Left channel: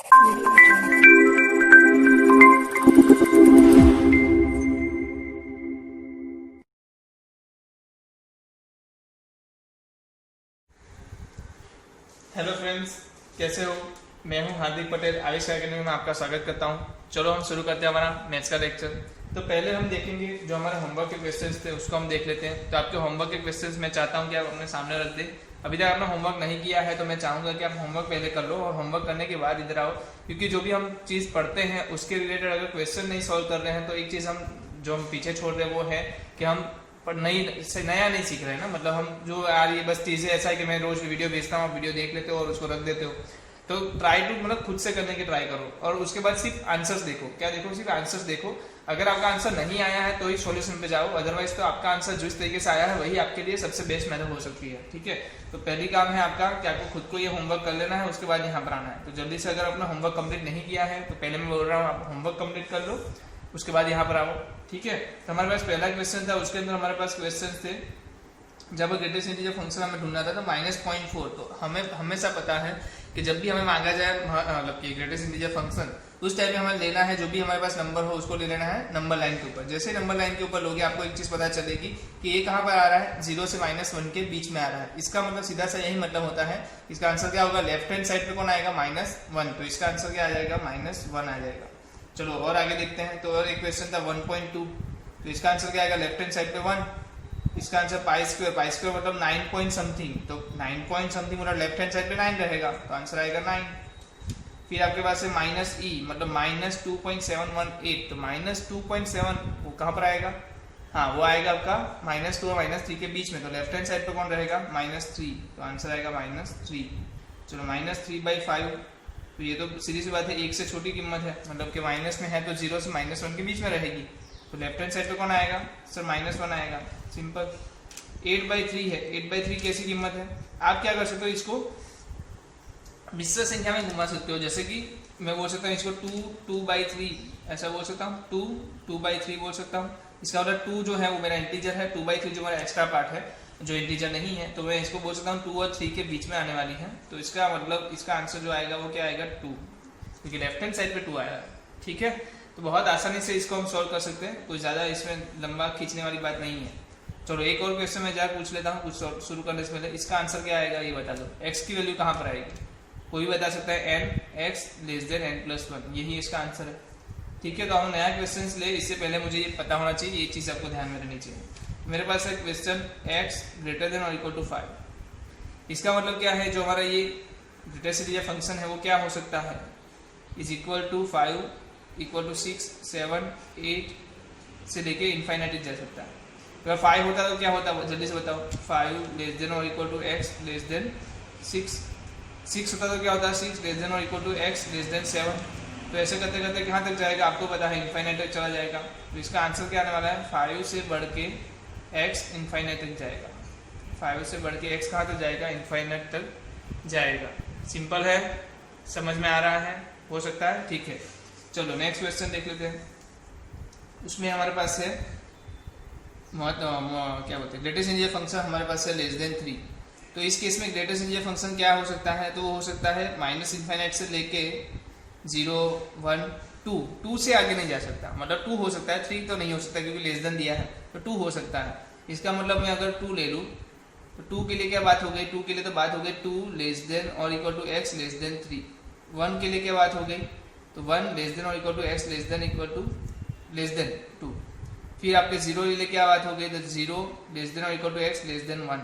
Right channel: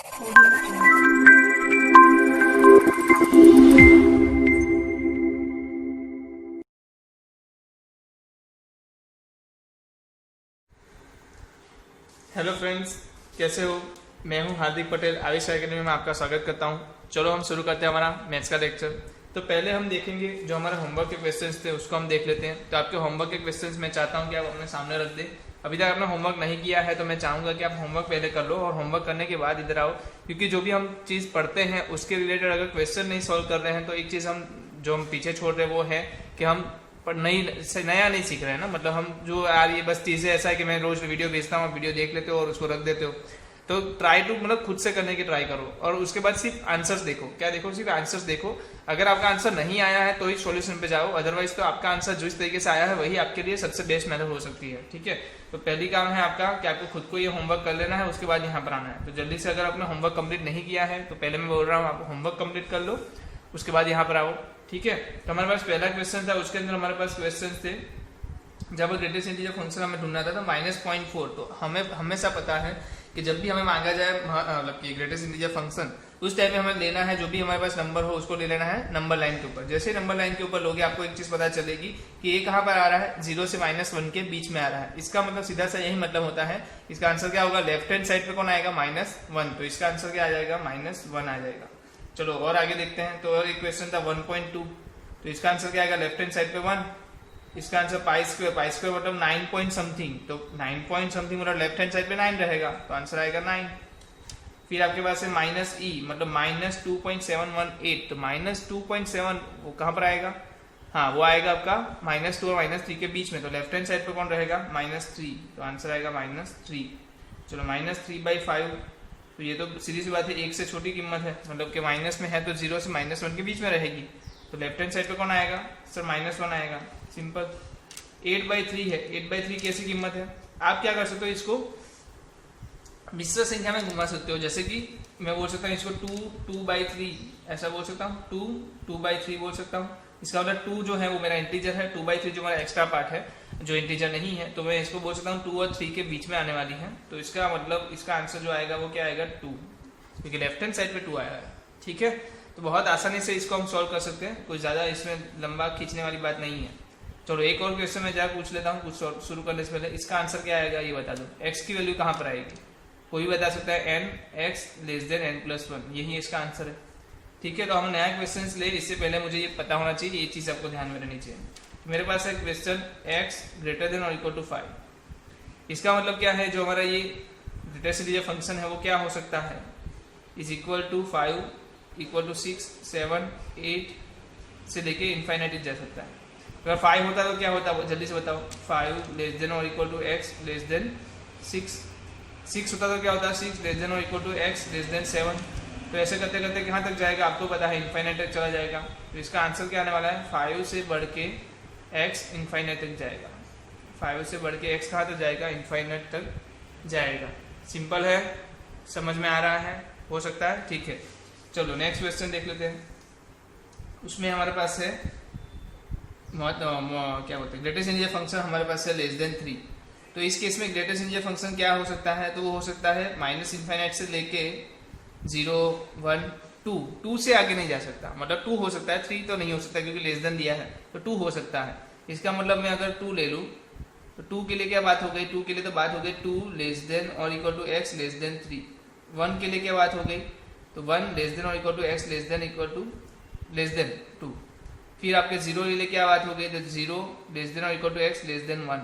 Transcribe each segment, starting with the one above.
Hello friends, कैसे हो। मैं हूं हार्दिक पटेल, आयुष एकेडमी में आपका स्वागत करता हूं। चलो हम शुरू करते हैं हमारा मैथ्स का लेक्चर। तो पहले हम देखेंगे जो हमारे होमवर्क के क्वेश्चंस थे उसको हम देख लेते हैं। तो आपके होमवर्क के क्वेश्चंस मैं चाहता हूं कि आप अपने सामने रख दें। अभी तक आपने होमवर्क नहीं किया है तो मैं चाहूँगा कि आप होमवर्क पहले कर लो और होमवर्क करने के बाद इधर आओ, क्योंकि जो भी हम चीज़ पढ़ते हैं उसके रिलेटेड अगर क्वेश्चन नहीं सॉल्व कर रहे हैं तो एक चीज़ हम पीछे छोड़ रहे हैं वो है कि हम पर नया नहीं सीख रहे हैं ना। मतलब हम जो यार ये बस चीज़ें ऐसा है कि मैं रोज वीडियो भेजता हूँ, आप वीडियो देख लेते हो और उसको रख देते हो। तो ट्राई टू मतलब खुद से करने की ट्राई करो और उसके बाद सिर्फ आंसर्स देखो। क्या देखो? सिर्फ आंसर्स देखो। अगर आपका आंसर नहीं आया है तो ही सॉल्यूशन पे जाओ, अदरवाइज तो आपका आंसर जिस तरीके से आया है वही आपके लिए सबसे बेस्ट मेथड हो सकती है। ठीक है, तो पहली काम है आपका कि आपको खुद को ये होमवर्क कर लेना है, उसके बाद यहाँ पर आना है। तो जल्दी से अगर आपने होमवर्क कंप्लीट नहीं किया है तो पहले मैं बोल रहा हूँ आप होमवर्क कंप्लीट कर लो, उसके बाद यहाँ पर आओ। ठीक है, तो हमारे पास पहला क्वेश्चन था, उसके अंदर हमारे पास क्वेश्चन थे जब ग्रेटेस्ट इंटीजर फंक्शन हमें ढूंढना था तो -0.4। तो हमें हमेशा पता है कि जब भी हमें मांगा जाए मतलब कि ग्रेटेस्ट इंटीजर फंक्शन, उस टाइम में हमें लेना है जो भी हमारे पास नंबर हो उसको ले लेना है नंबर लाइन के ऊपर। जैसे नंबर लाइन के ऊपर लोगे आपको एक चीज पता चलेगी कि ये कहाँ पर आ रहा है, 0 से -1 के बीच में आ रहा है। इसका मतलब सीधा सा यही मतलब होता है। इसका आंसर क्या होगा? लेफ्ट हैंड साइड पे कौन आएगा? -1। तो इसका आंसर क्या आ जाएगा? -1 आ जाएगा। चलो और आगे देखते हैं। तो और एक क्वेश्चन था 1.2। तो इसका आंसर क्या आएगा? लेफ्ट हैंड साइड पे 1। इसका आंसर पाई स्क्वायर मतलब 9 पॉइंट समथिंग। तो 9 पॉइंट समथिंग मतलब लेफ्ट हैंड साइड पे 9 रहेगा, तो आंसर आएगा 9। फिर आपके पास है -e मतलब -2.718। तो -2.7 वो कहाँ पर आएगा? हाँ, वो आएगा आपका -2 और -3 के बीच में। तो लेफ्ट हैंड साइड पे कौन रहेगा? -3। तो आंसर आएगा -3। चलो -3/5। तो ये तो सीधी सी बात है, एक से छोटी कीमत है, मतलब कि माइनस में है तो 0 से -1 के बीच में रहेगी। तो लेफ्ट हैंड साइड पे कौन आएगा? सर -1 आएगा, सिंपल। 8/3 है। 8/3 कैसी कीमत है? आप क्या कर सकते हो, इसको मिश्र संख्या में घुमा सकते हो। जैसे कि मैं बोल सकता हूँ इसको 2/3 ऐसा बोल सकता हूँ, 2/3 बोल सकता हूँ। इसका मतलब 2 जो है वो मेरा इंटीजर है, 2/3 जो मेरा एक्स्ट्रा पार्ट है जो इंटीजर नहीं है, तो मैं इसको बोल सकता हूँ 2 और 3 के बीच में आने वाली है। तो इसका मतलब इसका आंसर जो आएगा वो क्या आएगा? 2, क्योंकि लेफ्ट हैंड साइड पे 2 आया है। ठीक है, तो बहुत आसानी से इसको हम सॉल्व कर सकते हैं, कोई ज़्यादा इसमें लंबा खींचने वाली बात नहीं है। चलो एक और क्वेश्चन मैं जरा पूछ लेता हूँ कुछ शुरू करने से पहले। इसका आंसर क्या आएगा ये बता दो। एक्स की वैल्यू कहाँ पर आएगी? कोई बता सकता है? n(x < n+1), यही इसका आंसर है। ठीक है, तो हम नया क्वेश्चन ले, इससे पहले मुझे ये पता होना चाहिए, ये चीज़ आपको ध्यान में रहनी चाहिए। मेरे पास है क्वेश्चन x > 5। इसका मतलब क्या है? जो हमारा ये ग्रेटेस्ट इंटीजर फंक्शन है वो क्या हो सकता है? = 5 = 6 7 8 से लेके इनफाइनाइट जा सकता है। अगर 5 होता तो क्या होता है जल्दी से बताओ? 5 < > x < 6। 6 होता तो क्या होता है? 6 < x < 7। तो ऐसे करते करते कहाँ तक जाएगा आपको पता है? इनफाइनाइट तक चला जाएगा। तो इसका आंसर क्या आने वाला है? 5 से बढ़ के x इनफाइनाइट तक जाएगा। 5 से बढ़ के x कहाँ तक जाएगा? इनफाइनाइट तक जाएगा। सिंपल है, समझ में आ रहा है? हो सकता है। ठीक है, चलो नेक्स्ट क्वेश्चन देख लेते हैं। उसमें हमारे पास है क्या बोलते हैं, ग्रेटेस्ट इंटीजर फंक्शन हमारे पास है <3। तो इस केस में ग्रेटेस्ट इंटीजर फंक्शन क्या हो सकता है? तो वो हो सकता है -∞ से लेके 0 1 2 से आगे नहीं जा सकता। मतलब 2 हो सकता है, 3 तो नहीं हो सकता क्योंकि लेस देन दिया है, तो 2 हो सकता है। इसका मतलब मैं अगर 2 ले लूँ तो 2 के लिए क्या बात हो गई? 2 के लिए तो बात हो गई 2 < > x < 3। 1 के लिए क्या बात हो गई? तो 1 < x < 2। फिर आपके 0 के लिए क्या बात हो गई? तो 0 < x < 1।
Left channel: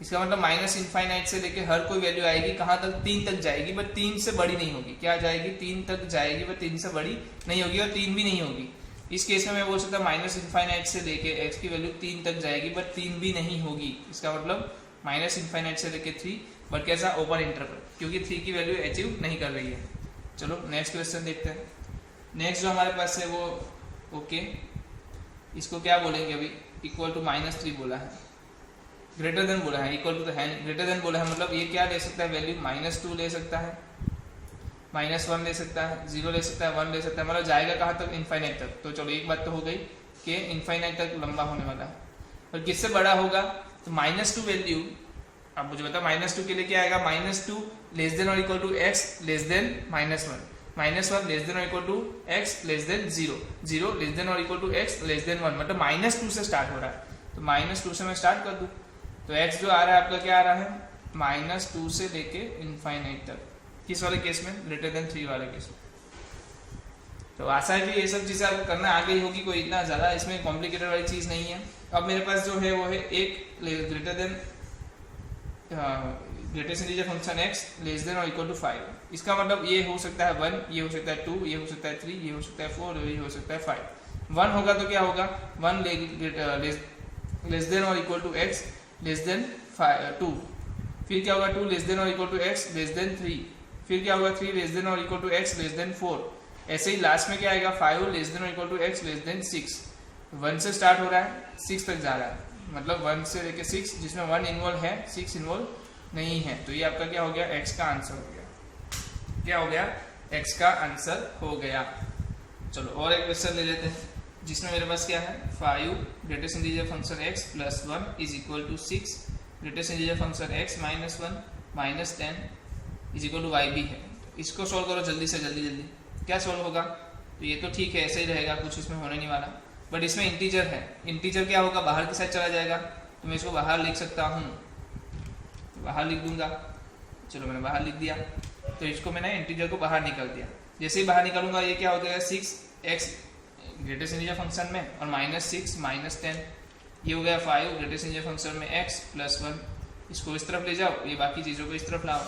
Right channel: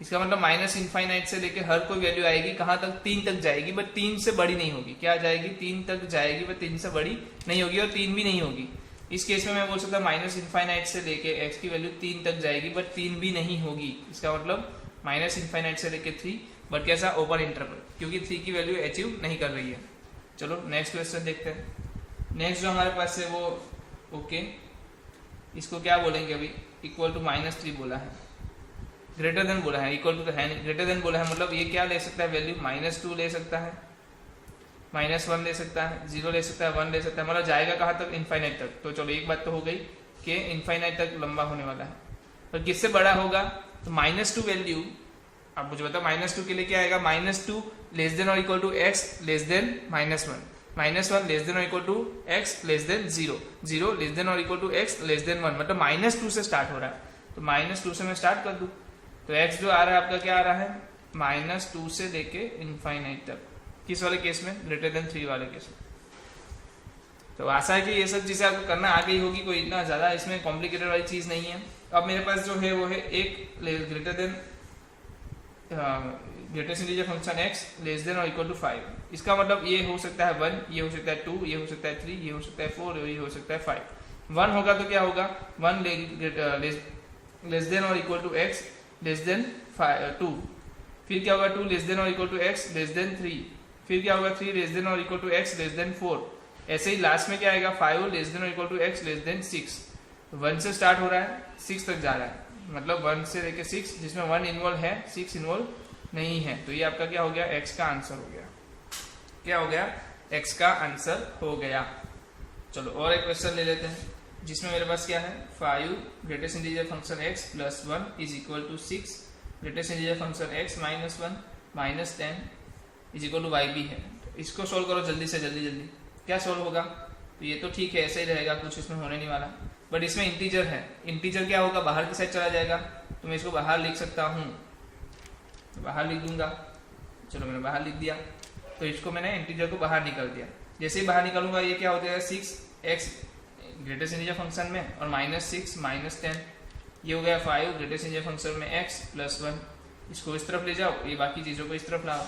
इसका मतलब -∞ से लेके हर कोई वैल्यू आएगी कहाँ तक? 3 तक जाएगी, बट 3 से बड़ी नहीं होगी। क्या जाएगी? 3 तक जाएगी, बट 3 से बड़ी नहीं होगी और 3 भी नहीं होगी। इस केस में मैं बोल सकता हूँ -∞ से लेके x की वैल्यू 3 तक जाएगी, बट 3 भी नहीं होगी। इसका मतलब -∞ से लेके 3, बट कैसा? ओपन इंटरवल, क्योंकि 3 की वैल्यू अचीव नहीं कर रही है। चलो नेक्स्ट क्वेश्चन देखते हैं। नेक्स्ट जो हमारे पास है वो ओके, इसको क्या बोलेंगे अभी? =-3 बोला है, ग्रेटर देन बोला है, इक्वल टू तो है नहीं, ग्रेटर देन बोला है। मतलब ये क्या ले सकता है वैल्यू? -2 ले सकता है, -1 ले सकता है, 0 ले सकता है, 1 ले सकता है। मतलब जाएगा कहाँ तक? इनफाइनाइट तक। तो चलो एक बात तो हो गई कि इनफाइनाइट तक लंबा होने वाला है। और किससे बड़ा होगा? तो -2 वैल्यू अब मुझे बताओ -2 के लिए क्या आएगा, -2 लेस देन और equal to x less than -1, -1 less than और equal to x less than 0, 0 less than और equal to x less than 1, मतलब -2 से स्टार्ट हो रहा है, तो -2 से मैं स्टार्ट कर दूं, तो x जो आ रहा है आपका क्या आ रहा है, -2 से लेके इनफाइनाइट तक, किस वाले केस में, ग्रेटर देन 3 वाले केस में। तो आशा है कि ये सब चीज़ें आपको करना आ गई होगी, कोई इतना ज़्यादा इसमें कॉम्प्लिकेटेड वाली चीज़ नहीं है। अब मेरे पास जो है वो है एक greater than greatest integer function x less than और इक्वल टू 5, इसका मतलब ये हो सकता है 1, ये हो सकता है 2, ये हो सकता है 3, ये हो सकता है 4, ये हो सकता है 5। 1 होगा तो क्या होगा, 1 लेस देन और equal to x less than 2, फिर क्या होगा 2 लेस देन और equal to x less than 3, फिर क्या होगा 3 लेस देन और equal to x less than 4, ऐसे ही लास्ट में क्या आएगा 5 लेस देन और equal to x less than 6। 1 से स्टार्ट हो रहा है 6 तक जा रहा है, मतलब 1 से लेके 6, जिसमें 1 इन्वॉल्व है 6 इन्वॉल्व नहीं है, तो ये आपका क्या हो गया, x का आंसर हो गया, क्या हो गया, x का आंसर हो गया। चलो और एक क्वेश्चन ले लेते हैं, जिसमें मेरे पास क्या है, 5 greatest integer function x plus 1 is equal to 6 greatest integer function x minus 1 minus 10 is equal to y भी है। इसको सोल्व करो जल्दी से जल्दी, क्या सोल्व होगा, तो ये तो ठीक है ऐसे ही रहेगा, कुछ इसमें होने नहीं वाला, बट इसमें इंटीजर है, इंटीजर क्या होगा, बाहर की साइड चला जाएगा, तो मैं इसको बाहर लिख सकता हूँ, तो बाहर लिख दूंगा, चलो मैंने बाहर लिख दिया, तो इसको मैंने इंटीजर को बाहर निकाल दिया, जैसे ही बाहर निकालूंगा ये क्या हो जाएगा 6x ग्रेटेस्ट इंटीजर फंक्शन में और -6 माइनस 10, ये हो गया 5 ग्रेटेस्ट इंटीजर फंक्शन में x प्लस 1, इसको इस तरफ ले जाओ, ये बाकी चीज़ों को इस तरफ लाओ,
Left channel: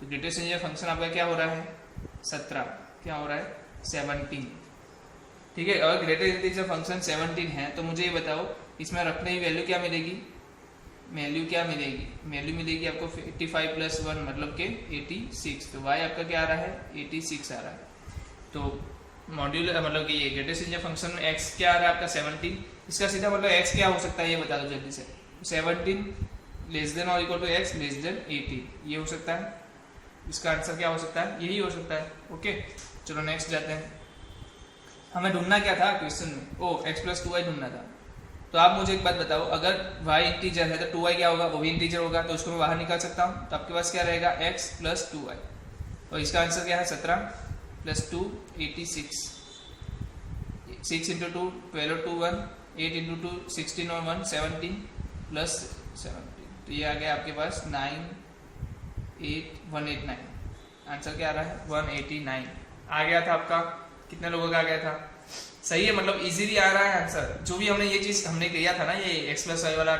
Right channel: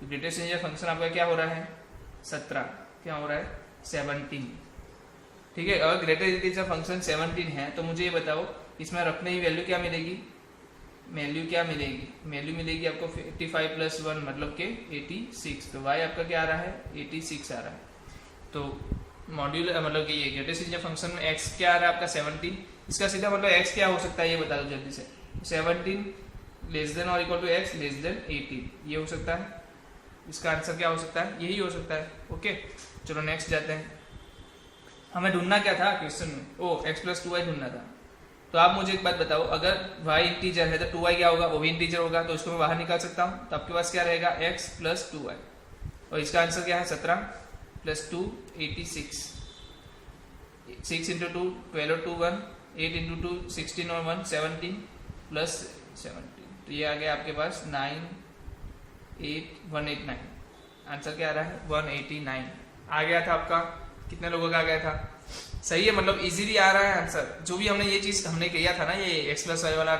तो ग्रेटेस्ट इंटीजर फंक्शन आपका क्या हो रहा है 17, क्या हो रहा है 17, ठीक है। अगर ग्रेटर इंटीजर फंक्शन 17 है तो मुझे ये बताओ इसमें रखने की वैल्यू क्या मिलेगी, वैल्यू क्या मिलेगी, वैल्यू मिलेगी आपको 85 प्लस 1 मतलब के 86, तो y आपका क्या आ रहा है 86 आ रहा है, तो मॉड्यूल मतलब कि ये ग्रेटेस्ट इंटीजर फंक्शन में x क्या आ रहा है आपका 17, इसका सीधा मतलब x क्या हो सकता है ये बता दो जल्दी से, 17 लेस देन और equal to x less than 18, ये हो सकता है, इसका आंसर क्या हो सकता है, यही हो सकता है। ओके चलो नेक्स्ट जाते हैं, हमें ढूंढना क्या था क्वेश्चन में, ओ x प्लस 2y ढूंढना था, तो आप मुझे एक बात बताओ, अगर y इंटीजर है तो 2y क्या होगा, वो भी इंटीजर होगा, तो उसको मैं बाहर निकाल सकता हूँ, तो आपके पास क्या रहेगा x प्लस 2y, और इसका आंसर क्या है 17 प्लस 2 86, 6 इंटू 2 12 और 2 1, 8 इंटू 2 16 और 1 17 प्लस 17, तो ये आ गया आपके पास 189, आंसर क्या आ रहा है 189 आ गया था आपका, कितने लोगों का आ गया था, सही है, मतलब इजीली आ रहा है आंसर, जो भी हमने ये चीज़ हमने किया था ना, ये x प्लस वाई वाला,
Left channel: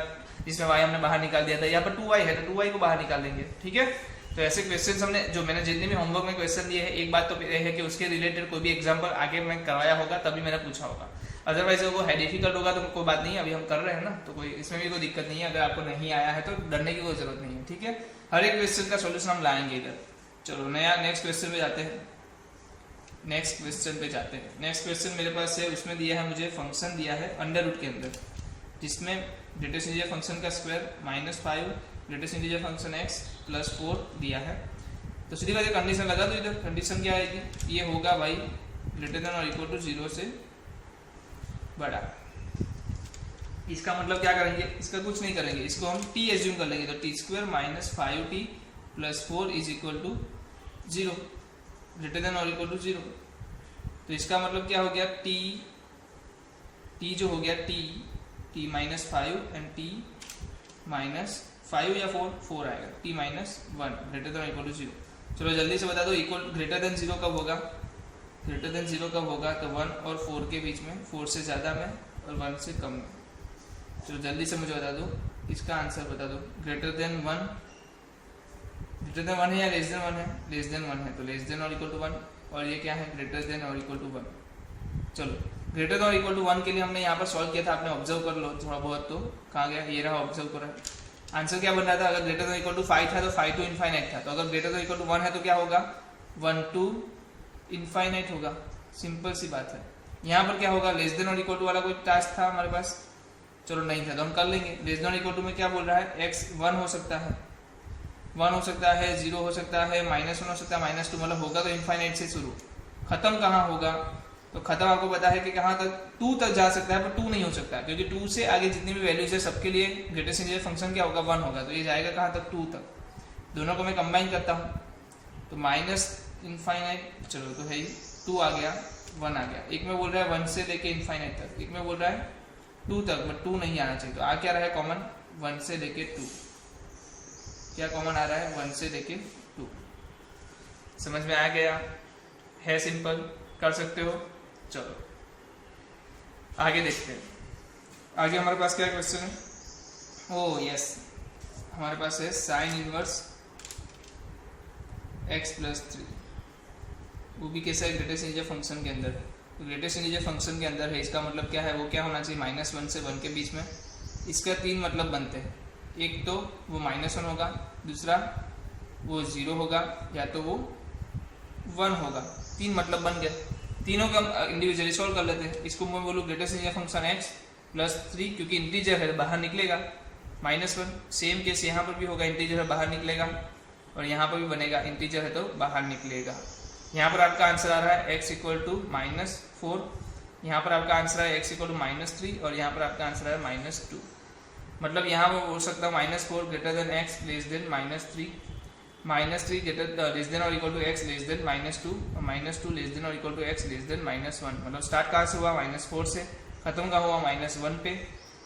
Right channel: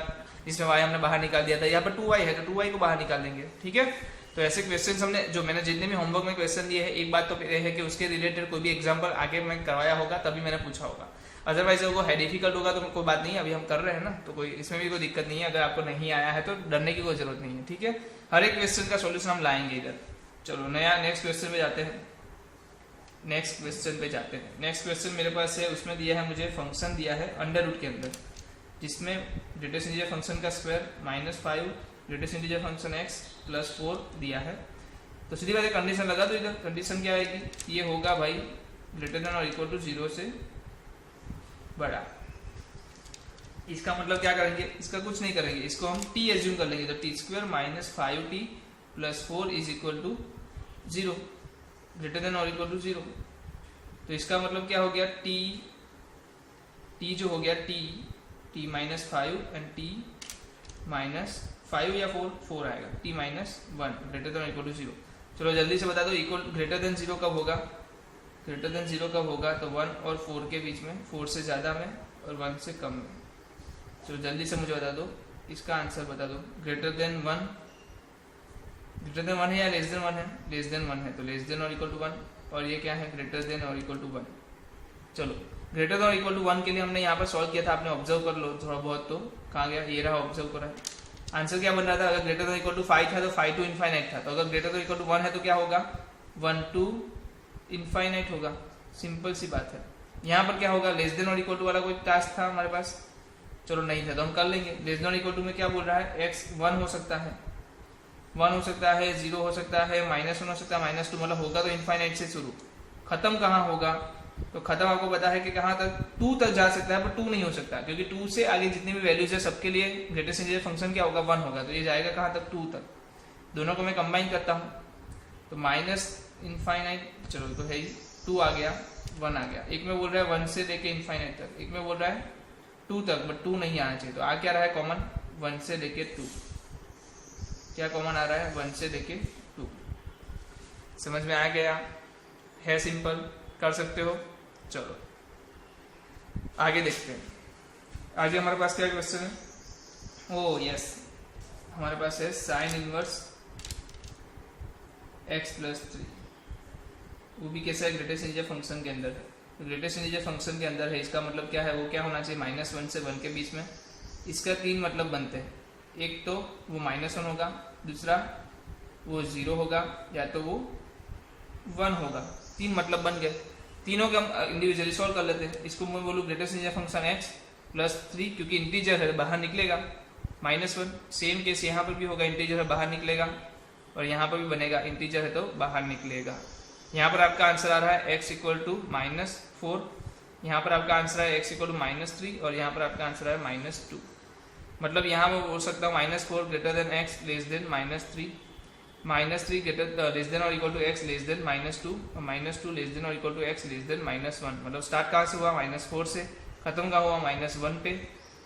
इसमें y हमने बाहर निकाल दिया था, यहाँ पर 2y है तो 2y को बाहर निकाल देंगे, ठीक है। तो ऐसे क्वेश्चन हमने जो मैंने जितने भी होमवर्क में क्वेश्चन दिए हैं, एक बात तो है कि उसके रिलेटेड कोई भी एग्जाम्पल आगे मैं करवाया होगा तभी मैंने पूछा होगा, अदरवाइज वो है डिफिकल्ट होगा तो कोई बात नहीं, अभी हम कर रहे हैं ना, तो कोई इसमें भी कोई दिक्कत नहीं है, अगर आपको नहीं आया है तो डरने की कोई जरूरत नहीं है, ठीक है, हर एक क्वेश्चन का सोल्यूशन हम लाएंगे इधर। चलो नया नेक्स्ट क्वेश्चन पे जाते हैं, नेक्स्ट क्वेश्चन मेरे पास है, उसमें दिया है मुझे फंक्शन दिया है अंडर रूट के अंदर, जिसमें ग्रेटेस्ट इंटीजर फंक्शन का square -5 greatest integer function x plus 4 दिया है, तो सीधी बात है कंडीशन लगा दो इधर, कंडीशन क्या आएगी, ये होगा भाई ग्रेटर देन और इक्वल टू 0 से बड़ा, इसका मतलब क्या करेंगे, इसका कुछ नहीं करेंगे, इसको हम t एज्यूम कर लेंगे, तो t² minus 5t plus 4 is equal to 0 greater than और इक्वल टू 0, तो इसका मतलब क्या हो गया t जो हो गया t minus 5 and t minus 5 या 4 आएगा, t माइनस 1 ग्रेटर देन और इक्वल टू 0। चलो जल्दी से बता दो इक्वल ग्रेटर देन 0 कब होगा, ग्रेटर देन 0 कब होगा, तो 1 और 4 के बीच में, 4 से ज़्यादा में और 1 से कम में। चलो जल्दी से मुझे बता दो, इसका आंसर बता दो, ग्रेटर देन 1 है या लेस देन 1 है, लेस देन 1 है, तो लेस देन और इक्वल टू 1, और ये क्या है ग्रेटर देन और इक्वल टू 1। चलो ग्रेटर देन और इक्वल टू 1 के लिए हमने यहाँ पर सॉल्व किया था, आपने ऑब्जर्व कर लो थोड़ा बहुत, तो कहाँ गया, ये रहा ऑब्जर्व करा, आंसर क्या बन रहा था, अगर ग्रेटर देन इक्वल टू 5 था तो 5 टू इनफाइनाइट था, तो अगर ग्रेटर देन इक्वल टू 1 है तो क्या होगा 1 टू इनफाइनाइट होगा, सिंपल सी बात है। यहाँ पर क्या होगा, लेस देन और इक्वल टू वाला कोई टास्क था हमारे पास, चलो नहीं था तो हम कर लेंगे, लेस देन और इक्वल टू में क्या बोल रहा है x 1 हो सकता है, 1 हो सकता है, 0 हो सकता है, -1 हो सकता है, -2, मतलब होगा तो इनफाइनाइट से शुरू, खत्म कहाँ होगा, तो खत्म आपको पता है कि कहाँ तक, 2 तक जा सकता है, पर 2 नहीं हो सकता, क्योंकि 2 से आगे जितनी भी वैल्यूज है सबके लिए ग्रेटेस्ट इंटीजर फंक्शन क्या होगा, 1 होगा। तो ये जाएगा कहाँ तक, 2 तक। दोनों को मैं कंबाइन करता हूँ, तो माइनस इनफाइनाइट, चलो तो है ही, 2 आ गया, 1 आ गया। एक में बोल रहा है 1 से लेके इनफाइनाइट तक, एक में बोल रहा है 2 तक, बट 2 नहीं आना चाहिए। तो आ क्या रहा है कॉमन, 1 से लेके 2, क्या कॉमन आ रहा है, 1 से लेके 2। समझ में आ गया, है सिंपल, कर सकते हो। चलो आगे देखते हैं। आगे हमारे पास क्या क्वेश्चन है, ओ यस, हमारे पास है साइन इनवर्स x प्लस 3, वो भी कैसा है, ग्रेटेस्ट इंटीजर फंक्शन के अंदर है। तो ग्रेटेस्ट इंटीजर फंक्शन के अंदर है, इसका मतलब क्या है, वो क्या होना चाहिए, -1 से 1 के बीच में। इसका 3 मतलब बनते हैं, एक तो वो -1 होगा, दूसरा वो 0 होगा, या तो वो 1 होगा। 3 मतलब बन गए, तीनों का हम इंडिविजुअली सॉल्व कर लेते हैं। इसको मैं बोलूँ greatest integer function x plus 3, क्योंकि इंटीजर है बाहर निकलेगा, -1। सेम केस यहाँ पर भी होगा, इंटीजर है बाहर निकलेगा, और यहाँ पर भी बनेगा, इंटीजर है तो बाहर निकलेगा। यहाँ पर आपका आंसर आ रहा है x इक्वल टू -4, यहाँ पर आपका आंसर है x इक्वल टू -3, और यहाँ पर आपका आंसर है -2। मतलब यहाँ मैं बोल सकता हूँ -4 greater than x less than -3, -3 greater less than और equal to x less than -2, और -2 लेस देन और equal to x less than -1। मतलब स्टार्ट कहाँ से हुआ, -4 से, खत्म कहाँ हुआ, -1 पे।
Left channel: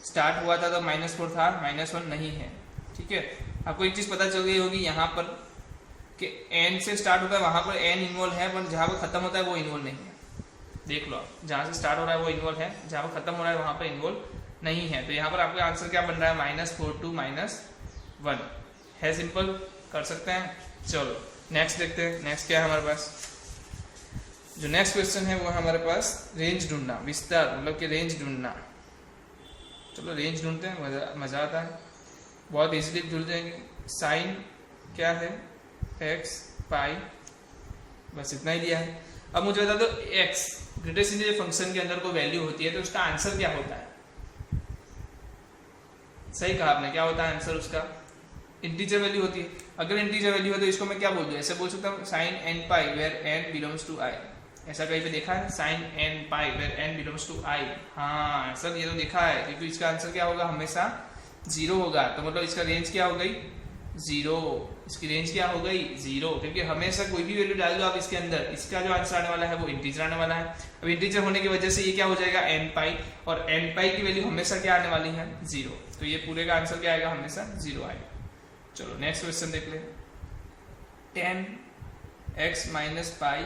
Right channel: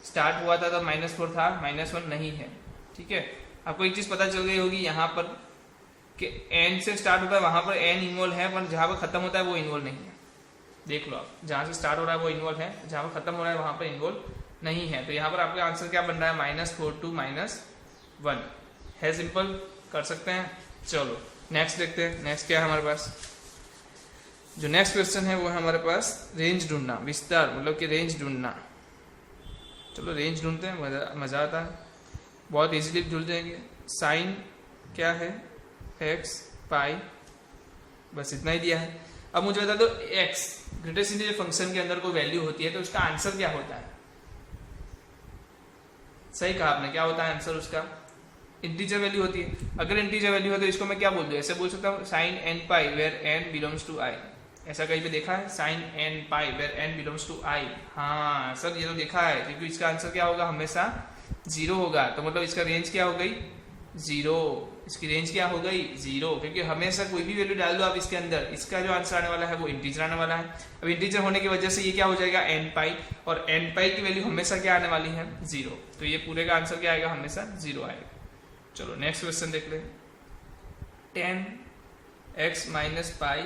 स्टार्ट हुआ था तो -4 था, -1 नहीं है। ठीक है, आपको एक चीज़ पता चल गई होगी यहाँ पर कि n से स्टार्ट होता है, वहाँ पर n इन्वॉल्व है, पर जहाँ पर खत्म होता है वो इन्वॉल्व नहीं है। देख लो आप, जहाँ से स्टार्ट हो रहा है वो इन्वॉल्व है, जहाँ पर खत्म हो रहा है वहाँ पर इन्वॉल्व नहीं है। तो यहाँ पर आपका आंसर क्या बन रहा है, -4 to -1 है। सिंपल, कर सकते हैं। चलो नेक्स्ट देखते हैं, नेक्स्ट क्या है हमारे पास। जो नेक्स्ट क्वेश्चन है वो है हमारे पास रेंज ढूंढना, विस्तार मतलब कि रेंज ढूंढना। चलो रेंज ढूंढते हैं, मज़ा आता है, बहुत इजीली जुड़ जाएंगे। साइन क्या है, x पाई, बस इतना ही दिया है। अब मुझे बता दो x ग्रेटेस्ट इंटीजर फंक्शन के अंदर कोई वैल्यू होती है तो उसका आंसर क्या होता है। सही कहा आपने, क्या होता है आंसर उसका, इंटीजर वैल्यू होती है। अगर इंटीजर वैल्यू है तो इसको मैं क्या बोल दूँ, ऐसे बोल सकता हूँ sine n pi where n belongs to i। ऐसा कहीं पे देखा है, sine n pi where n belongs to i। हाँ सर ये तो देखा है, क्योंकि इसका आंसर क्या होगा, हमेशा 0 होगा। तो मतलब इसका रेंज क्या हो गई, 0। इसकी रेंज क्या हो गई, 0, क्योंकि हमेशा कोई भी वैल्यू डाल दो आप इसके अंदर, इसका जो आंसर आने वाला है वो इंटीजर आने वाला है। अब इंटीजर होने की वजह से ये क्या हो जाएगा, n पाई, और n पाई की वैल्यू हमेशा क्या आने वाली है, 0। तो ये पूरे का आंसर क्या आएगा, हमेशा 0 आएगा। चलो नेक्स्ट क्वेश्चन देख ले, 10x minus pi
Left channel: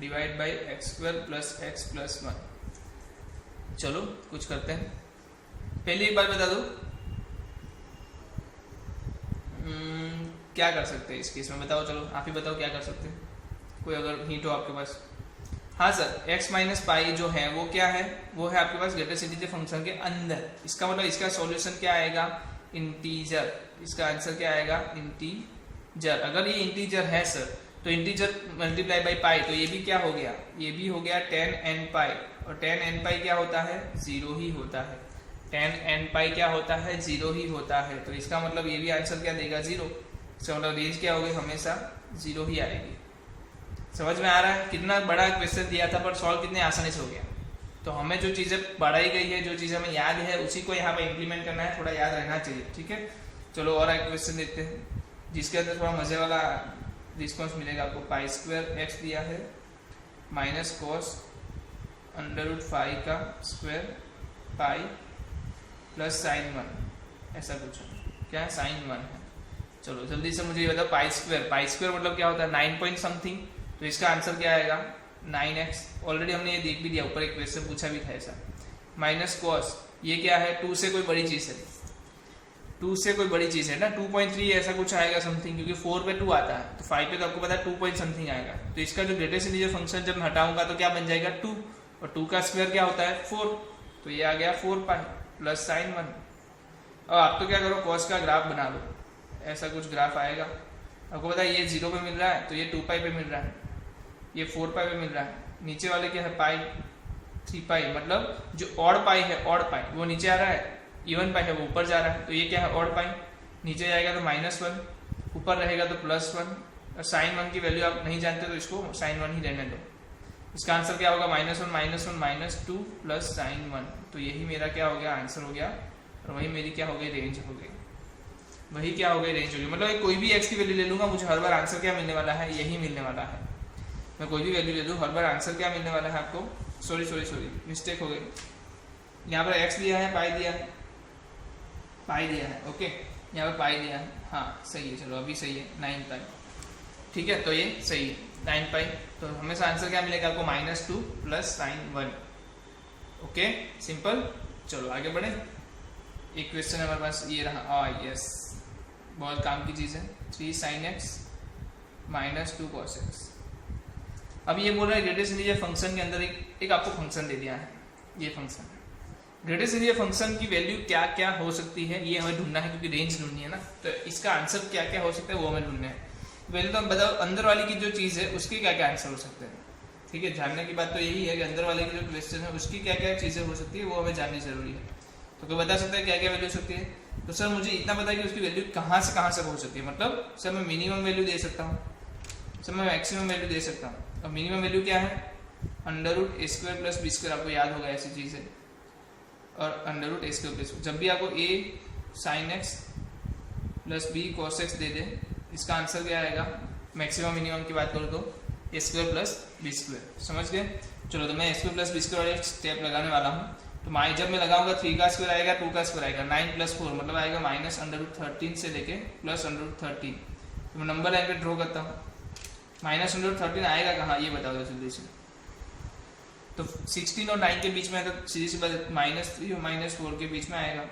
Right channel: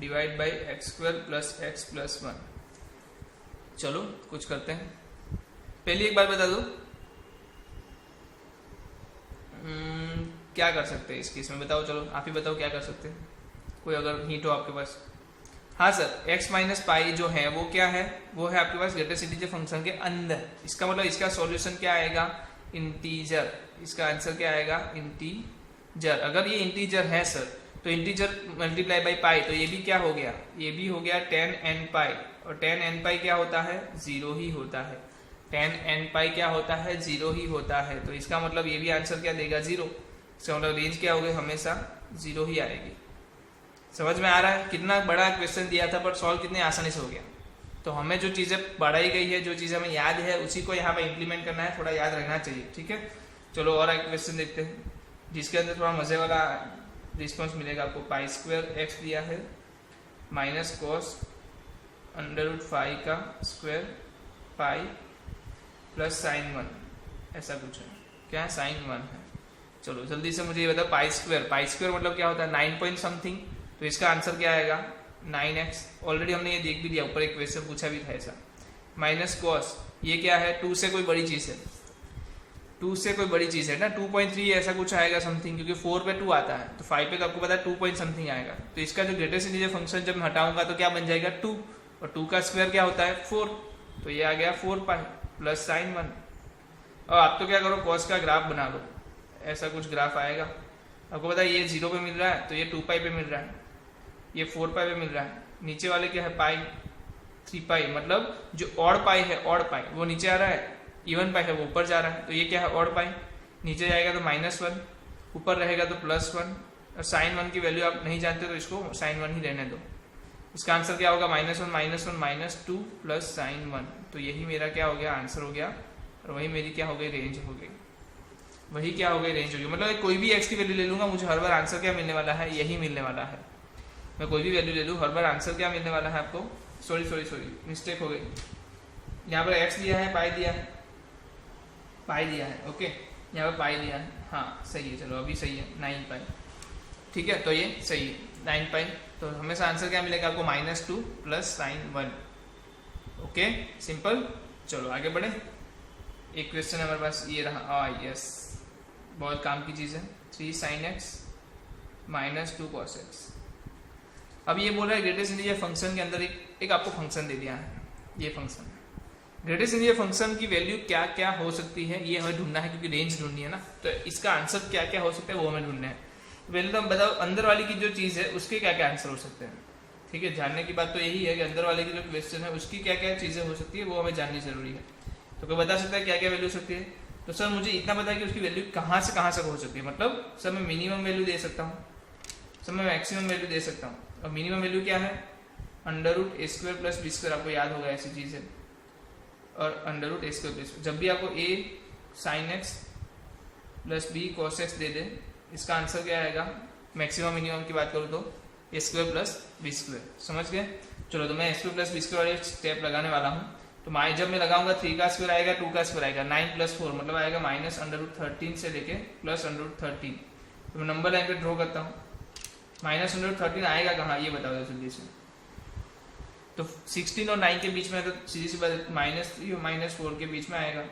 divide by x² plus x plus 1। चलो कुछ करते हैं। पहले एक बार बता दो क्या कर सकते हैं इस केस में, बताओ। चलो आप ही बताओ क्या कर सकते हैं, कोई अगर हिंट हो आपके पास। हाँ सर, x माइनस पाई जो है वो क्या है, वो है आपके पास ग्रेटेस्ट इंटीजर फंक्शन के अंदर। इसका मतलब इसका सॉल्यूशन क्या आएगा, इंटीजर। इसका आंसर क्या आएगा, इंटीजर। अगर ये इंटीजर है सर तो इंटीजर मल्टीप्लाई बाई पाई, तो ये भी क्या हो गया, ये भी हो गया 10n पाई, और 10n पाई क्या होता है, 0 ही होता है। 10n पाई क्या होता है, 0 ही होता है। तो इसका मतलब ये भी आंसर क्या देगा, 0। इसका मतलब रेंज क्या होगी, हमेशा 0 ही आएगी। समझ में आ रहा है, कितना बड़ा क्वेश्चन दिया था पर सॉल्व कितने आसानी से हो गया। तो हमें जो चीज़ें पढ़ाई गई है, जो चीज़ें हमें याद है, उसी को यहाँ पे इंप्लीमेंट करना है, थोड़ा याद रहना चाहिए। ठीक है, चलो और एक क्वेश्चन देखते हैं जिसके अंदर थोड़ा मज़े वाला रिस्पॉन्स मिलेगा आपको। पाई² x दिया है माइनस कॉस √5 का स्क्वायर पाई प्लस साइन 1, ऐसा कुछ है। क्या साइन 1 है। चलो जल्दी से मुझे ये बताओ, पाई² मतलब क्या होता है, 9 पॉइंट समथिंग। तो इसका आंसर क्या आएगा, 9x। ऑलरेडी हमने ये देख भी दिया, ऊपर एक क्वेश्चन पूछा भी था ऐसा। माइनस कॉस, ये क्या है, 2 से कोई बड़ी चीज़ है, 2 से कोई बड़ी चीज़ है ना, 2.3 ऐसा कुछ आएगा समथिंग, क्योंकि 4 पे 2 आता है, तो 5 पे तो आपको पता है 2 पॉइंट समथिंग आएगा। तो इसका जो ग्रेटेस्ट इंटीजर फंक्शन जब मैं हटाऊंगा तो क्या बन जाएगा, 2, और 2 का स्क्वायर क्या होता है, 4। तो ये आ गया 4 पाई प्लस साइन 1। और आप तो क्या करो, कॉस का ग्राफ बना लो, ऐसा कुछ ग्राफ आएगा। आपको पता है ये 0 पे मिल रहा है, तो ये 2 पाई पे मिल रहा है, ये 4 पाई पे मिल रहा है। नीचे वाले क्या है, पाई 3 पाई, मतलब जो ऑड पाई है, ऑड पाई वो नीचे आ रहा है, इवन पाई है वो ऊपर जा रहा है। तो ये क्या है, ऑड पाई, नीचे जाएगा तो -1, ऊपर रहेगा तो +1, और साइन 1 की वैल्यू आप नहीं जानते तो इसको साइन 1 ही रहने दो। इसका आंसर क्या होगा -1 प्लस साइन 1। तो यही मेरा क्या हो गया, आंसर हो गया, और वही मेरी क्या हो गई, रेंज हो गई। वही क्या हो गई, रेंज हो गई। मतलब कोई भी x की वैल्यू ले लूँगा, मुझे हर बार आंसर क्या मिलने वाला है, यही मिलने वाला है। मैं कोई भी वैल्यू ले लूँ, हर बार आंसर क्या मिलने वाला है आपको, सॉरी मिस्टेक हो गई। यहाँ पर x दिया है, पाई दिया है, ओके, यहाँ पर पाई दिया है, हाँ सही है, चलो अभी सही है, 9 पाई, ठीक है, तो ये सही है 9 पाई। तो हमेशा आंसर क्या मिलेगा आपको, -2 प्लस साइन 1। Okay, simple. चलो आगे बढ़े। एक क्वेश्चन है हमारे पास, ये रहा, यस, बहुत काम की चीज़ है। 3 sin x -2 cos x। अब ये बोल रहा है ग्रेटेस्ट इंटीजर फंक्शन के अंदर एक आपको फंक्शन दे दिया है, ये फंक्शन है। ग्रेटेस्ट इंटीजर फंक्शन की वैल्यू क्या क्या हो सकती है, ये हमें ढूंढना है, क्योंकि रेंज ढूंढनी है ना, तो इसका आंसर क्या क्या हो सकता है वो हमें ढूंढना है। पहले तो हम बताओ अंदर वाली की जो चीज़ है उसके क्या क्या आंसर हो सकते हैं, ठीक है। जानने की बात तो यही है कि अंदर वाले की जो क्वेश्चन है उसकी क्या क्या चीज़ें हो सकती है, वो हमें जाननी जरूरी है। तो कोई बता सकता है क्या क्या वैल्यू हो सकती है? तो सर मुझे इतना पता है कि उसकी वैल्यू कहाँ से हो सकती है, मतलब सर मैं मिनिमम वैल्यू दे सकता हूँ, सर मैं मैक्सिमम वैल्यू दे सकता हूँ। अब मिनिमम वैल्यू क्या है, √a² + b², आपको याद होगा ऐसी चीज़ है, और √a² + जब भी आपको a sin x + b cos x दे दे, इसका आंसर क्या आएगा, मैक्सिमम मिनिमम की बात करूँ तो a² + b²। समझ गए? चलो तो मैं a² + b² वाले स्टेप लगाने वाला हूँ। तो जब मैं लगाऊंगा 3 का स्क्वायर आएगा, 2 का स्क्वायर आएगा, 9 + 4 मतलब आएगा -√13 से लेके +√13। तो मैं नंबर लाइन पे ड्रॉ करता हूँ, -√13 आएगा कहाँ, ये बताओ जल्दी से। तो 16 और 9 के बीच में है, तो सीधी सी बात -3 और -4 के बीच में आएगा,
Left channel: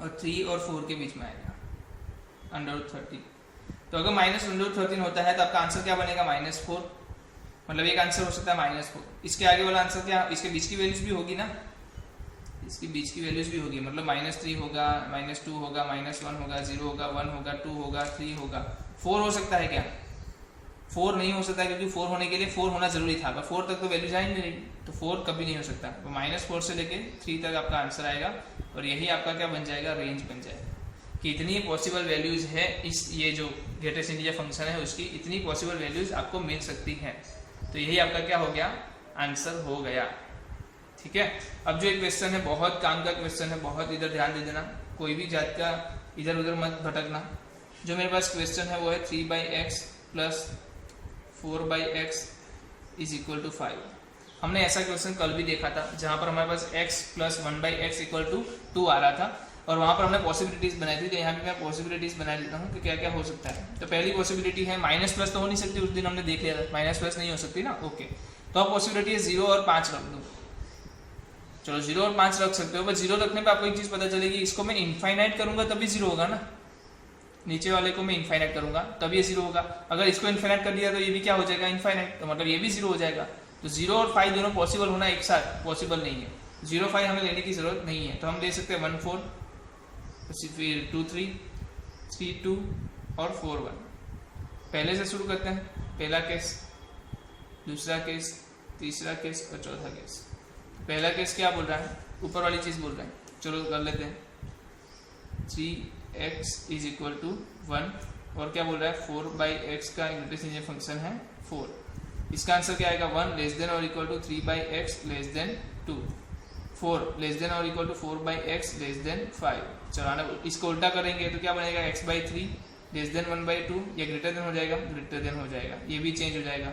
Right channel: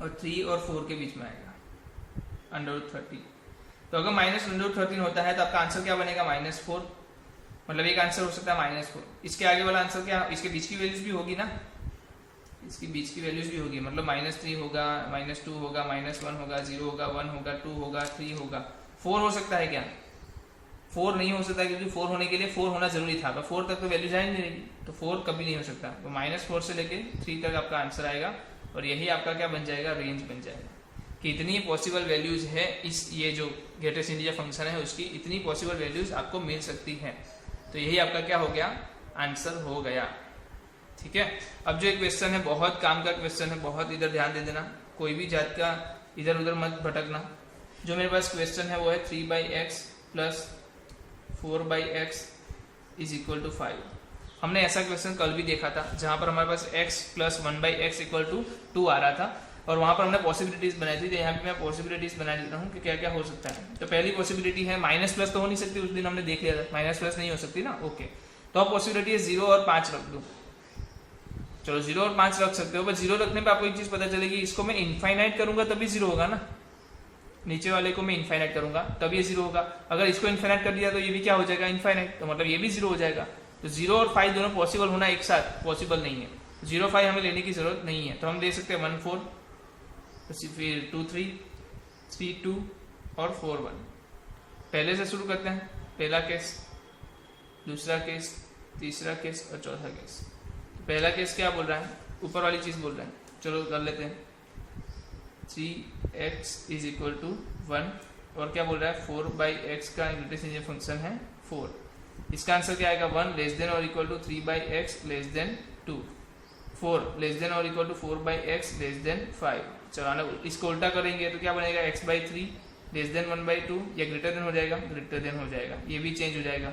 और 3 और 4 के बीच में आएगा √13। तो अगर -√13 होता है तो आपका आंसर क्या बनेगा, -4। मतलब एक आंसर हो सकता है -4। इसके आगे वाला आंसर क्या, इसके बीच की वैल्यूज भी होगी ना, इसकी बीच की वैल्यूज भी होगी, मतलब -3 होगा, -2 होगा, -1 होगा, 0 होगा, 1 होगा, 2 होगा, 3 होगा। 4 हो सकता है क्या? 4 नहीं हो सकता, क्योंकि 4 होने के लिए 4 होना जरूरी था, पर 4 तक तो वैल्यू जाएंगे नहीं, तो 4 कभी नहीं हो सकता। तो -4 से लेके 3 तक आपका आंसर आएगा, और यही आपका क्या बन जाएगा, रेंज बन जाएगा कि इतनी पॉसिबल वैल्यूज है इस, ये जो ग्रेटेस्ट इंटीजर फंक्शन है उसकी इतनी पॉसिबल वैल्यूज आपको मिल सकती है। तो यही आपका क्या हो गया, आंसर हो गया, ठीक है। अब जो एक क्वेश्चन है, बहुत काम का क्वेश्चन है, बहुत इधर ध्यान दे देना, कोई भी जात का इधर उधर मत भटकना। जो मेरे पास क्वेश्चन है वो है 3/x + 4/x = 5। हमने ऐसा क्वेश्चन कल भी देखा था, जहाँ पर हमारे पास x + 1/x = 2 आ रहा था, और वहाँ पर हमने पॉसिबिलिटीज बनाई थी। तो यहाँ पे मैं पॉसिबिलिटीज बना लेता हूँ कि क्या क्या हो सकता है। तो पहली पॉसिबिलिटी है, -+ तो हो नहीं सकती, उस दिन हमने देख लिया था, -+ नहीं हो सकती ना, ओके। तो अब पॉसिबिलिटी है 0 और 5 रख दो। चलो 0 और 5 रख सकते हो, पर 0 रखने पे आपको एक चीज़ पता चलेगी, इसको मैं इनफाइनाइट करूंगा तभी 0 होगा ना, नीचे वाले को मैं इनफाइनाइट करूंगा तब ये 0 होगा। अगर इसको इनफाइनाइट कर दिया तो ये भी क्या हो जाएगा, इनफाइनाइट, तो मतलब ये भी 0 हो जाएगा। तो 0 और 5 दोनों पॉसिबल होना एक साथ पॉसिबल नहीं है, 0 5 हमें लेने की जरूरत नहीं है। तो हम दे सकते हैं 1 4, फिर 2 3, 3 2 और 4 1। पहले से शुरू करते हैं, पहला केस, दूसरा केस, तीसरा केस और चौथा केस। पहला केस क्या बोल रहा है, ऊपर वाली चीज़ बोल रहा है, चलो कर लेते हैं। 3x = 1, और क्या बोल रहा है, 4/x का ग्रेटेस्ट इंटीजर फंक्शन है 4। इसका आंसर क्या आएगा, 1 <= 3/x <= 2, 4 <= 4/x <= 5। चलो इसको उल्टा करेंगे तो क्या बनेगा, x/3 <1/2, या ग्रेटर देन हो जाएगा, ग्रेटर देन हो जाएगा, ये भी चेंज हो जाएगा।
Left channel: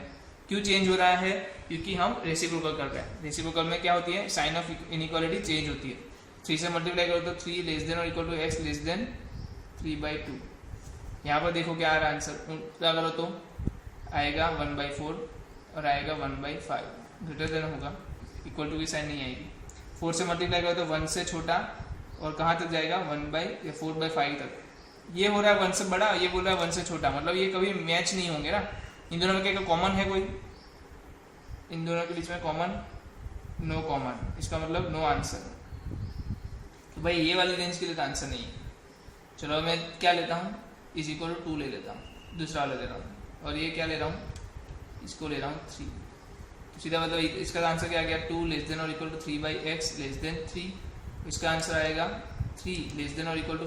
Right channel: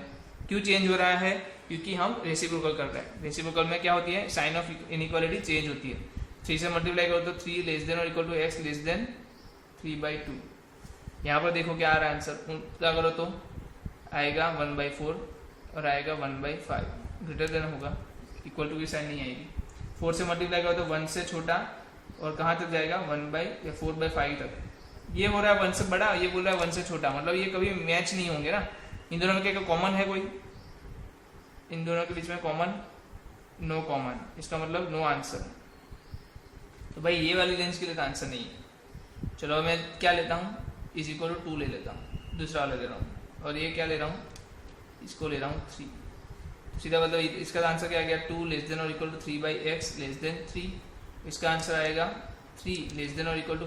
क्यों चेंज हो रहा है, क्योंकि हम रेसिप्रोकल कर रहे हैं। रेसिप्रोकल में क्या होती है, साइन ऑफ इनइक्वालिटी चेंज होती है। 3 से मल्टीप्लाई करो तो 3 <= x <= 3/2। यहाँ पर देखो क्या आ रहा है आंसर, क्या करो तो आएगा 1/4 और आएगा 1/5, ग्रेटर देन होगा, इक्वल टू की साइन नहीं आएगी। 4 से मल्टीप्लाई करो तो 1 से छोटा, और कहाँ तक जाएगा, 4/5 तक। ये हो रहा है 1 से बड़ा, ये बोल रहा है 1 से छोटा, मतलब ये कभी मैच नहीं होंगे ना। इन दोनों में क्या कॉमन है, कोई इन दोनों के बीच में कॉमन, नो कॉमन, इसका मतलब नो आंसर। तो भाई ये वाली रेंज के लिए तो आंसर नहीं है। चलो मैं क्या लेता हूँ, = 2 ले लेता हूँ, दूसरा वाला ले रहा हूँ, और ये क्या ले रहा हूँ, इसको ले रहा हूँ 3। तो सीधा मतलब इसका आंसर क्या आ गया, 2 <= 3/x <= 3। इसका आंसर आएगा 3 <=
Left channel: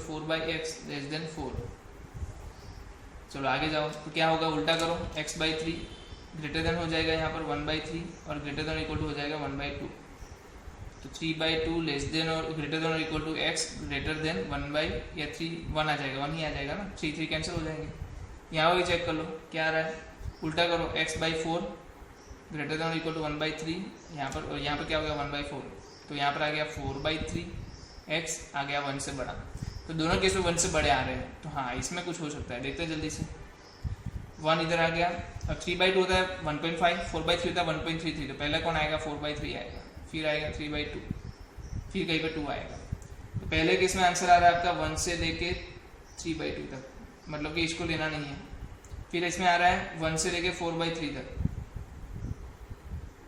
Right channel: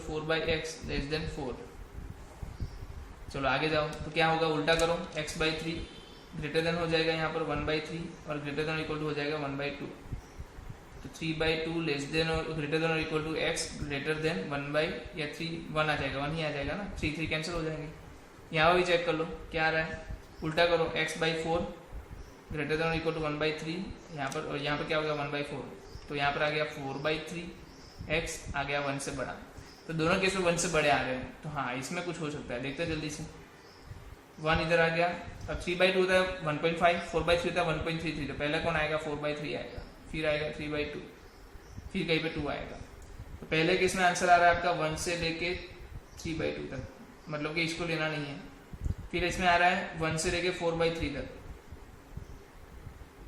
4/x <= 4। चलो आगे जाओ, तो क्या होगा, उल्टा करो, x/3 ग्रेटर देन हो जाएगा यहाँ पर 1/3 और ग्रेटर देन इक्वल टू हो जाएगा 1/2। तो 3/2 लेस देन और ग्रेटर देन और equal to X greater than 1 आ जाएगा, 1 ही आ जाएगा ना, 3 कैंसिल हो जाएंगे। यहाँ भी चेक कर लो क्या आ रहा है, उल्टा करो, x/4 ग्रेटर देन और इक्वल टू 1/3 यहाँ पर, और यहाँ पर क्या हो गया 1/4, तो यहाँ पर आ गया 4/3, x आ गया 1 से बड़ा। तो दोनों केस में 1 से बड़े आ रहे हैं, तो हाँ इसमें कुछ हो सकता है, देखते हैं जल्दी से। 1 इधर आ गया, अब 3/2 होता है 1.5, 4/3 होता है 1.33, तो पहला कौन आएगा 4/3 आएगा, फिर आएगा 3/2, फिर कहीं पे 2 आएगा। तो पहले केस में आंसर आ रहा है आपका 1 से लेके 3/2 तक, मतलब कि इसको लेना नहीं है। फिर इसमें आ रहा है 1 से लेके 4/3 तक,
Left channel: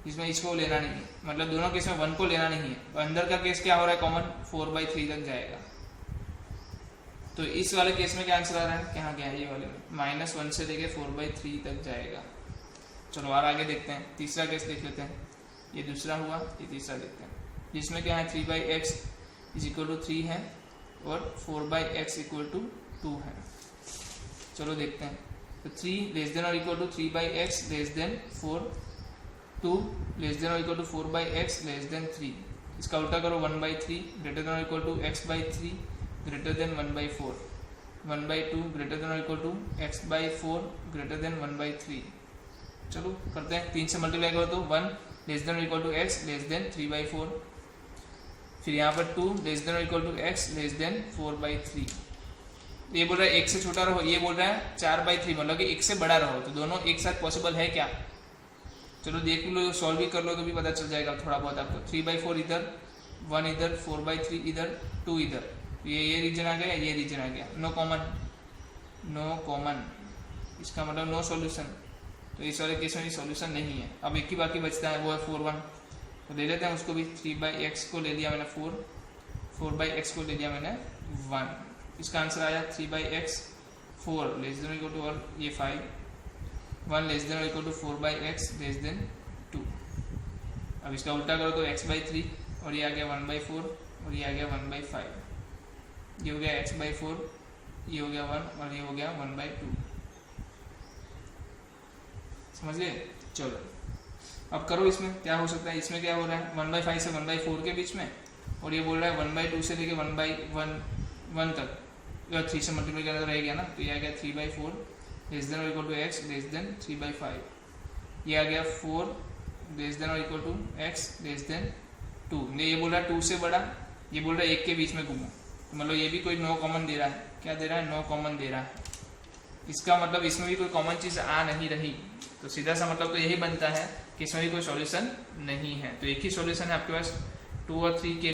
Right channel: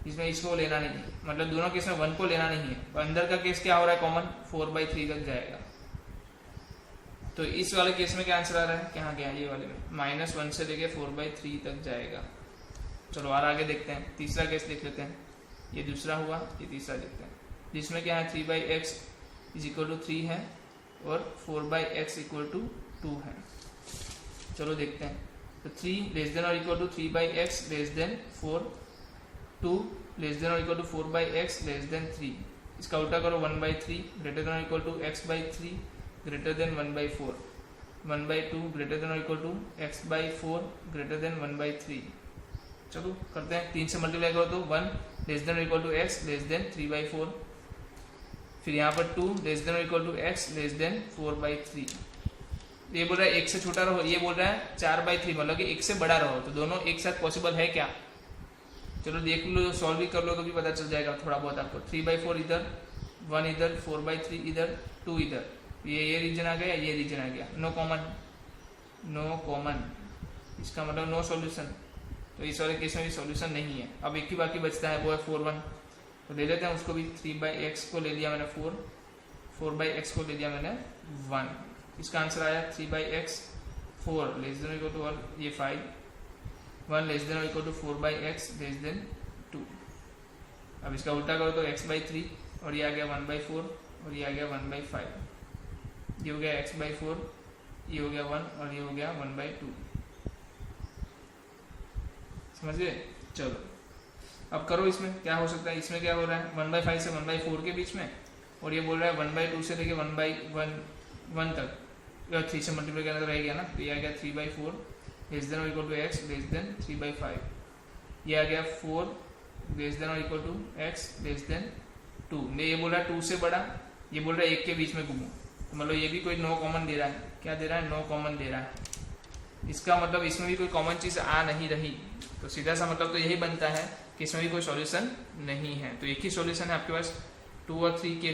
इसमें इसको लेना नहीं है, मतलब दोनों केस में 1 को लेना नहीं है। अंदर का केस क्या हो रहा है कॉमन, 4/3 तक जाएगा। तो इस वाले केस में क्या आंसर आ रहा है, क्या गया ये वाले में -1 से लेके 4/3 तक जाएगा। चलो और आगे देखते हैं, तीसरा केस देख लेते हैं। ये दूसरा हुआ, ये तीसरा देखते हैं, जिसमें क्या है 3/x = 3 है और 4/x = 2 है। चलो देखते हैं। तो 3 लेस देन और equal to 3/x less than 4, 2 less than और equal to 4/x less than 3। इसका उल्टा करो, 1/3 ग्रेटर देन और equal to x/3 greater than 1/4, 1/2 greater than और equal to x/4 greater than 1/3। चलो करते हैं, 3 से मल्टीप्लाई करो तो 1 लेस देन और equal to x less than 3/4, फिर यहाँ पर 2 लेस देन और equal to x less than 4/3। ये बोल रहा है 1 से छोटा रहो, ये बोल रहा है 4/3, मतलब कि 1 से बड़ा रहो। तो दोनों एक साथ पॉसिबल है क्या, चलो देख लो, सॉल्व भी कर लो तो भी पता चल जाएगा थोड़ा बहुत आपको। 3/4 इधर, 1 इधर, 4/3 इधर, 2 इधर, ये रीजन आ गया, ये रीजन आ गया, नो कॉमन, इसका मतलब नो सॉल्यूशन। तो इस वाले केस में भी सॉल्यूशन नहीं है। अब एक ही बाकी बचता है, वो है 4/1, तो ले लेते हैं उसको भी। 3/x को ले लिया मैंने 4, 4/x को ले लिया मैंने 1। इसका आंसर आया 3/x 4 less than equal to, और ये 5, 1 less than equal to 4/x less than 2। अब इसका उल्टा करो तो x/3, और ये आ गया 1/4, और ये आ गया 1/5। ये हो गया x/4, ये हो गया 1, और ये हो गया 1/2। समझ गए। चलो अब करो, इसमें क्या हो सकता है, इसमें क्या हो रहा है 1/5 से 1/4 के बीच में, और ये बोल रहा है 1/2 से लेके 1/1 तक, 3 से मल्टीप्लाई करना रह गया ना, तो ये आ गया 3/4 लेस देन और equal to x less than 3/5। ये आ गया 4 लेस देन और equal to x less than 2। ये बोल रहा है 2 से बड़ा, ये बोल रहा है 1 के बीच में घूमो, तो मतलब ये भी कोई नो कॉमन दे रहा है। क्या दे रहा है, नो कॉमन दे रहा है। इसका मतलब इसमें भी कोई कॉमन चीज़ आ नहीं रही, तो सीधा सा मतलब तो यही बनता है कि इसमें भी कोई सॉल्यूशन नहीं है। तो एक ही सॉल्यूशन है आपके पास 2 और 3 के